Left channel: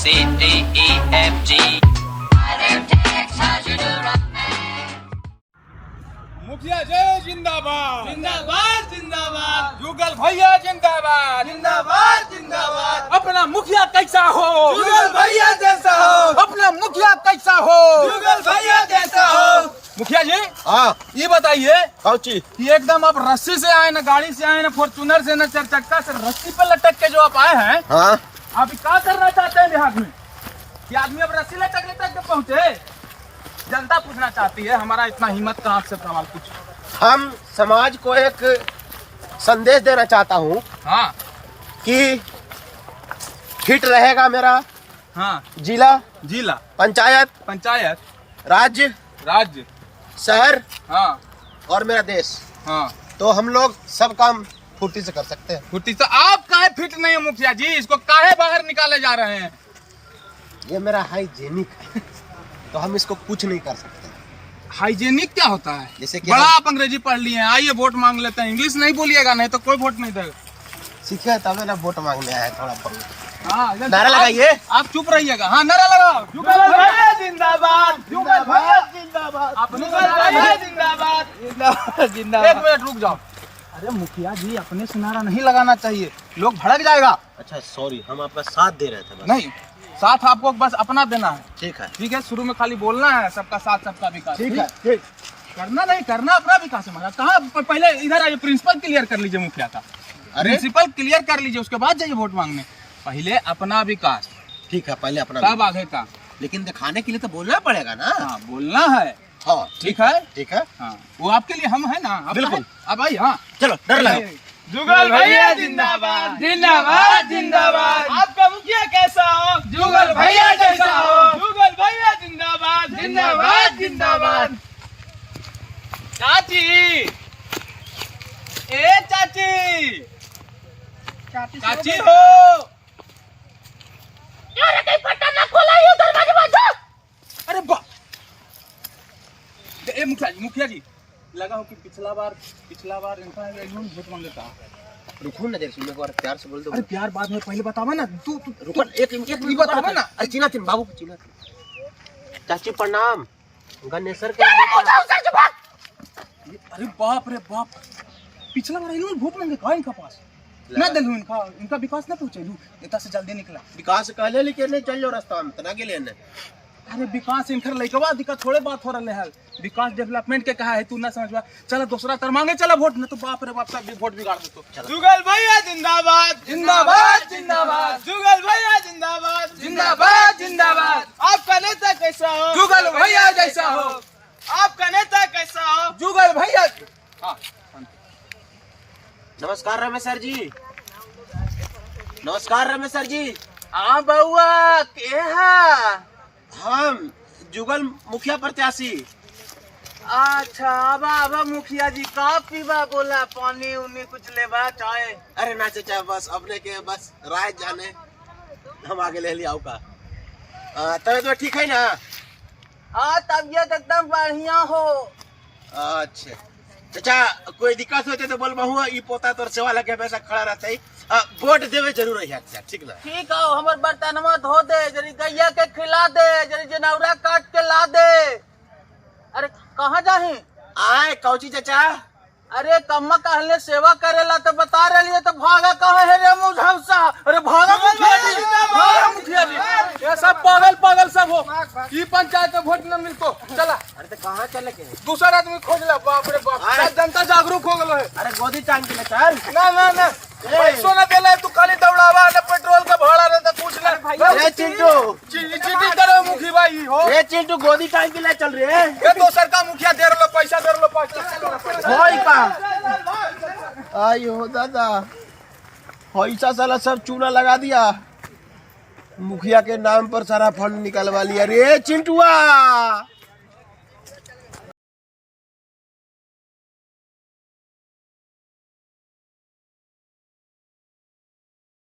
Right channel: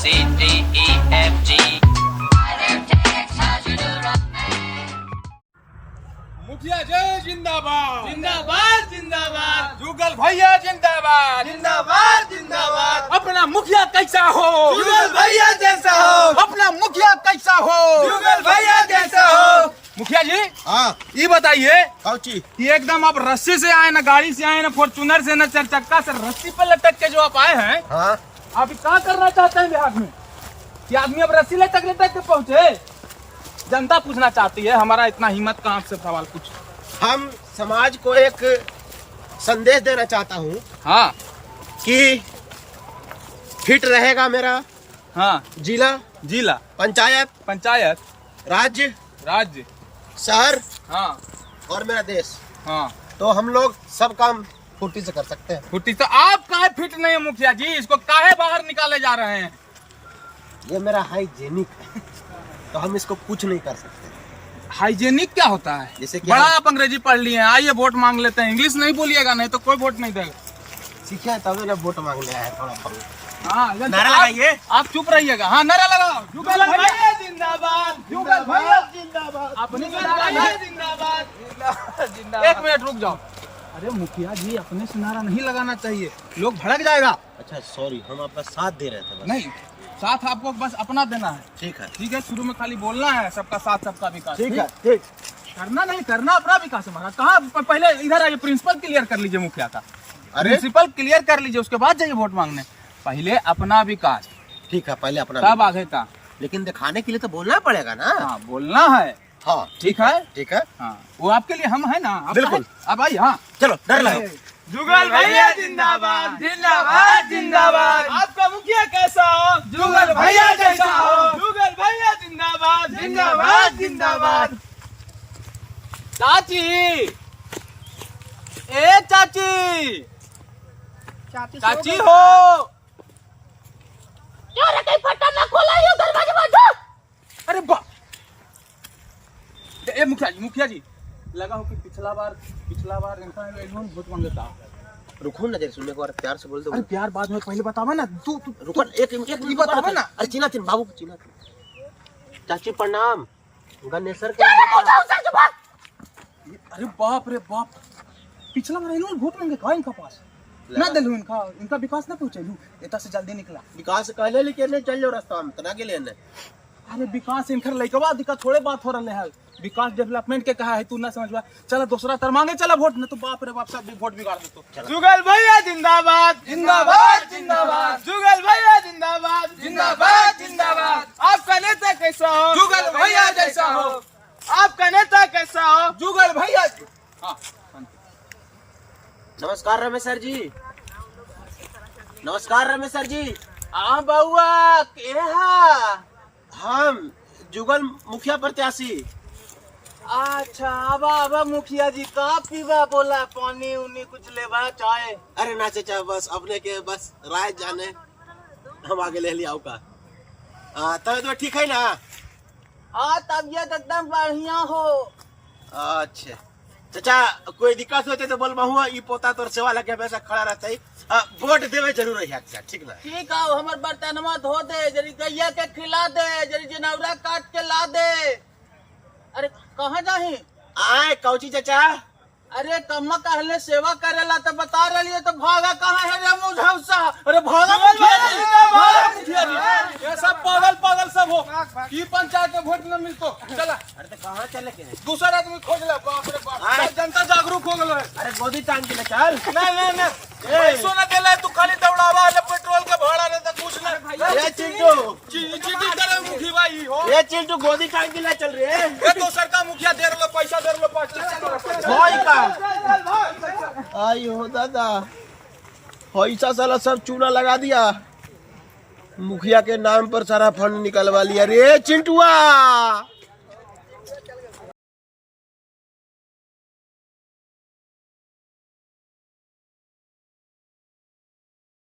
C D E F G। मुखिया जय जिंदाबाद जिंदाबाद जिंदाबाद जुगल भैया जिंदाबाद जिंदाबाद जिंदाबाद। अपना मुखिया कैसा हो जुगल भैया जैसा हो, अपना मुखिया कैसा हो जुगल भैया जैसा हो। मुखिया जी हाँ ये बताइए कौची कि एकदम आप रस्सी से आए ना गाड़ी से आए ना फॉर्चूनर से ना चार चक्का से रस्सी पर लटक के जो आप आए हैं हाँ आप क्या करना चाहते हैं देहात में कि आदमी अब रस्सी लटक लटक के पहुंचे? जनता पूछना चाहती है, हमारा इतना हिम्मत कहाँ से सवाल पूछ। हम समाज को एक संदेश देना चाहता हूँ हाँ कि फिट रहेगा मेरा हाँ जिला, जिला, पंचायत, राज्य, राज्य, शहर हाँ और मेरा देश। हाँ तो हम लोग सब काम फुर्ती से कर सकते हैं। फुर्ती तो आप काहे फिट नहीं है मुखिया जी, इसको काहे बाहर निकाले जा रहे हैं? ये मेरा हाइजेनिक है तो हम इसको कुछ नहीं कर सकते। हाइजेनिक क्या होता है? जैसे कि बड़ा हम- आप अंग्रेजी पढ़ लिए हैं, आइए वोट मांग लेते हैं। इंग्लिश नहीं बोलिएगा नहीं तो कोई वोट नहीं देगा। सीखा है तभी ना वोट मांगने आया थोड़ा बहुत। हाँ नारा लगाइए। आप चुप रहिएगा। हाँ नारा लगाओ। जुगल भैया जिंदाबाद जुगल भैया जिंदाबाद, अपने जुगल भैया जिंदाबाद जिंदाबाद। एक मिनट रुक जाओ। अरे मुखिया जी अपने से नारा नहीं लगाना चाहिए, लोग भड़क जाएगा। अच्छा सॉरी, हम आपका साथ दे रहे थे बस। नहीं साथ आपको बस अपना देना है। ठीक है ठीक है, शुरू में खाली बोलना है सबका साथ सबका विकास। ठीक है ठीक। करना नहीं करना अपना विकास है हमारा। कहाँ पहले इधर आइए, प्रिंसिपल क्लियर कर लीजिए मुखिया का। अरे प्रिंसिपल क्लियर कर लीजिए, उसके बाद जाइए वोट मांगने। पहले अपना विकास ठीक है, पहले अपना तब आगे का। लेकिन दिखाने के लिए तो बोलना पड़ेगा ना। हाँ बोलना है। हाँ ठीक है ठीक है। हाँ वो आपके लिए हम है ना। आपका बिल्कुल। है? अब आइए। हाँ चलो डर लगाओ। जुगल भैया जिंदाबाद जिंदाबाद जिंदाबाद। आपका मुखिया कैसा हो? जुगल भैया जैसा हो, जुगल भैया जिंदाबाद जिंदाबाद जिंदाबाद। चाची, ए चाची, चाची हो। अरे बाप। ए मुखिया जी लगा हो कि पिछला बार इनका वोट मांगे था। रुको ना देर, सुनने को और प्यार से बोल दो। अरे प्यार बाद में, पहले बतावा ना। तू रुको एक मिनट बतावा ना। अरे चिन्हा बाबू चिन्हा। चाची प्रणाम। गणेशर के अरे बाप रे बाप, पिछला बार इन्होंने वोट मांगे कहा इनका पास ना दिलू इनका विकास ना पहुंचेलू इतना से जल्दी निकला। विकास कहले लेकिन नहीं चल जाओ रास्ता में तना के लिए ने। अरे विकास इनकर लइकवा दिक्कत थोड़े बात हो रहे है। विकास डेवलपमेंट के कहा है तू ना समझ पा। चला दूसरा तर मांगे, चला वोट न तो बाप रे बाप सब वोट बिगाड़ देतो। जुगल भैया जिंदाबाद जिंदाबाद जिंदाबाद, जुगल भैया जिंदाबाद जिंदाबाद जिंदाबाद। आपका नेता कैसा हो? जुगल भैया जैसा हो। आपका नेता कैसा हो? जुगल भैया। हाँ नमस्कार रमेश सर जी। नमस्कार रमेश सर जी। हाँ बउआ के है? हम जुगल मुखिया प्रत्याशी। अच्छा अब मुखिया जी का पीवा बोला, पानी उनी कुछ लेवा चाय? अरे ना चाचा बस अपने के बस राय जाने हम आगे ले लिया का। तबियत में ठीक है ना? हाँ तबियत एकदम बढ़िया हो। अच्छा चाचा कोई दिक्कत होते तो बोल बहुआ ई पोता तोर सेवा लगे वैसा खड़ा रहता है। वोट देवे जरूर है चाचा, ठीक ना? ठीक है, हमर बर्तनवा धो दे, जरी गैया के खिला दे, जरी जनौरा काट के ला दे। अरे कहाँ जाही? आए कौची चाचा? अरे कम्मा कहले सेवा करेला तो बता रही है, तो भागा कहाँ है रे मुझौसा? अरे भागा मुखिया जी, भागा मुखिया जी। ये सब पागल सब हो। ई पंचायत में वोट न मिलतो। चला अरे तो कहाँ चले के? दूसरा आदमी खोज ले। बाप रे बाप, आए। जनता जागरूक हो गलो है। अरे गोदी टांग के ले चल। ना पैसों ना देला तू खाली दौड़ावा ना पेट्रोल का भाड़ा ना तो कुछ ना। ए चिंटू, चीटी करे मुखी भाई हो। ए चिंटू गोदी टांग के ले चल रे। ये दोसर का मुखिया दे लो पैसा दे लो पैसा। होई का? आयो दादा, पैसा साला सब चूना लगा दिया। मुखिया के नाम पर सारा फंड निकलवा लिया रे चिंटुआ।